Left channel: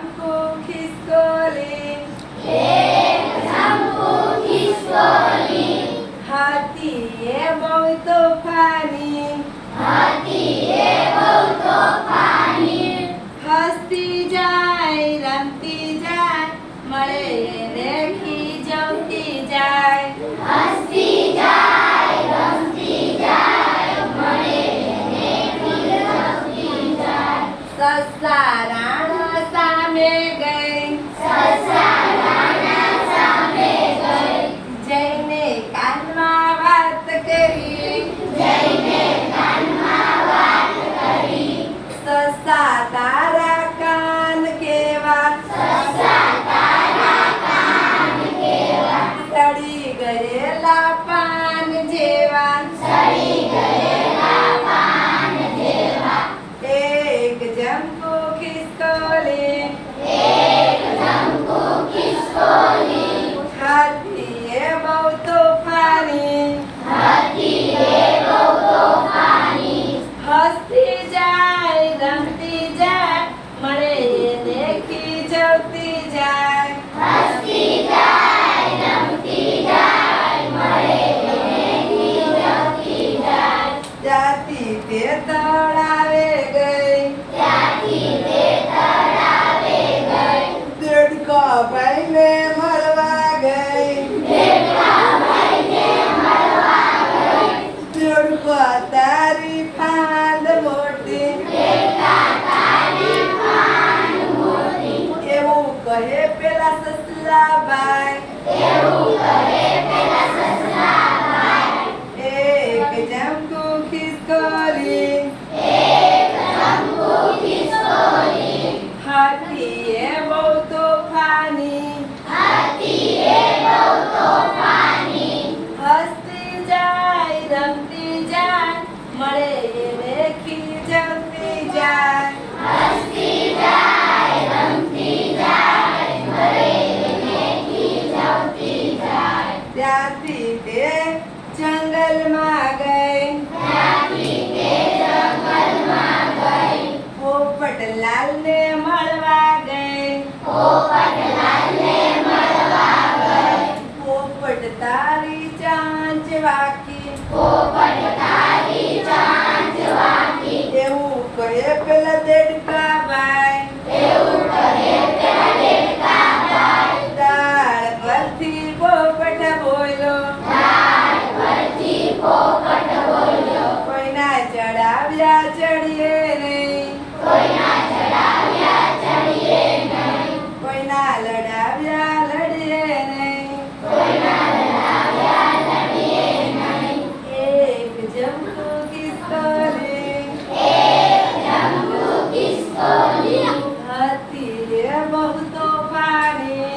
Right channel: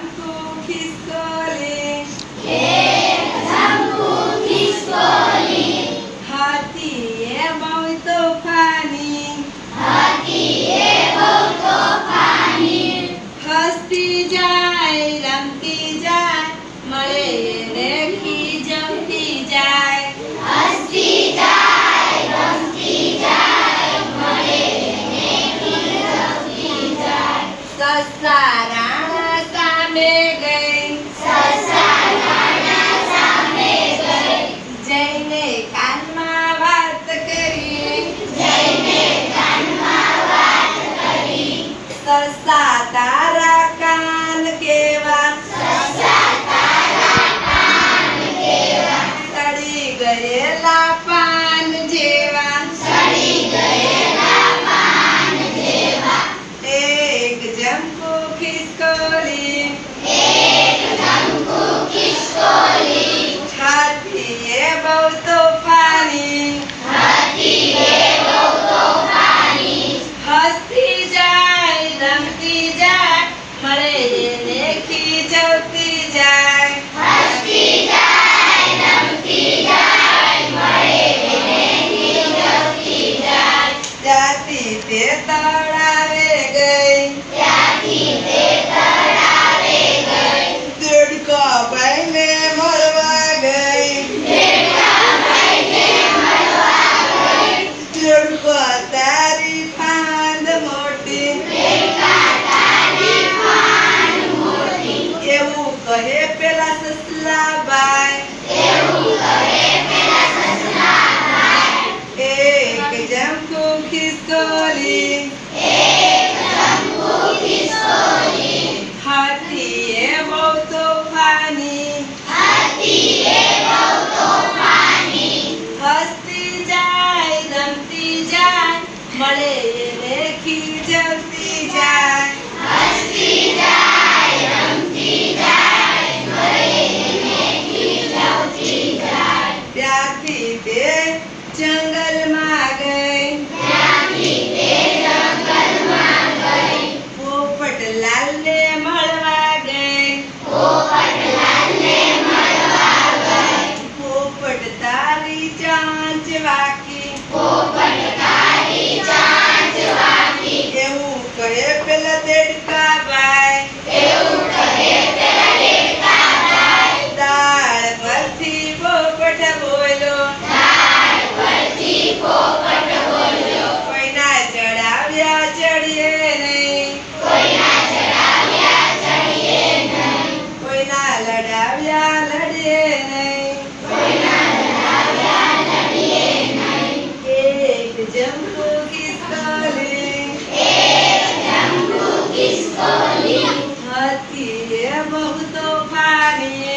જંપુ ખિસકોલી, હાથીએ બહુ તોફાની, હસતી જાય રમતી જાય મળે એને ખીજવતી જાય. સસલા રાણા સામે ગઈ, જઈને કાનમાં વાત કરી, સસા તારા કાન કેવા, સડી ગયેલા પાન જેવા. એક જંપુ ખિસકોલી, હાથીએ બહુ તોફાની, હસતી જાય રમતી જાય મળે એને ખીજવતી જાય. ત્યાંથી તે તળાવે ગઈ, દેડકા ભાઈને મળવા ગઈ, દેડકા તારી ફાંદ મોટી, એવું કહે પેલા સસલા ભાઈ. એક જંપુ ખિસકોલી, હાથીએ બહુ તોફાની, હસતી જાય રમતી જાય મળે એને ખીજવતી જાય. ત્યાંથી તે જંગલમાં ગઈ, પોપટલાલને મળવા ગઈ, પોપટ તારી ચાંચ વાકી, એવું કહે પેલા દેડકા ભાઈ. દાળ પરથી પોપટ બોલ્યો, કોઈના ચડાવ્યા ચડીએ નહીં, કોઈના લડાવ્યા લડીએ નહીં. એક જંપુ ખિસકોલી, હાથીએ બહુ તોફાની,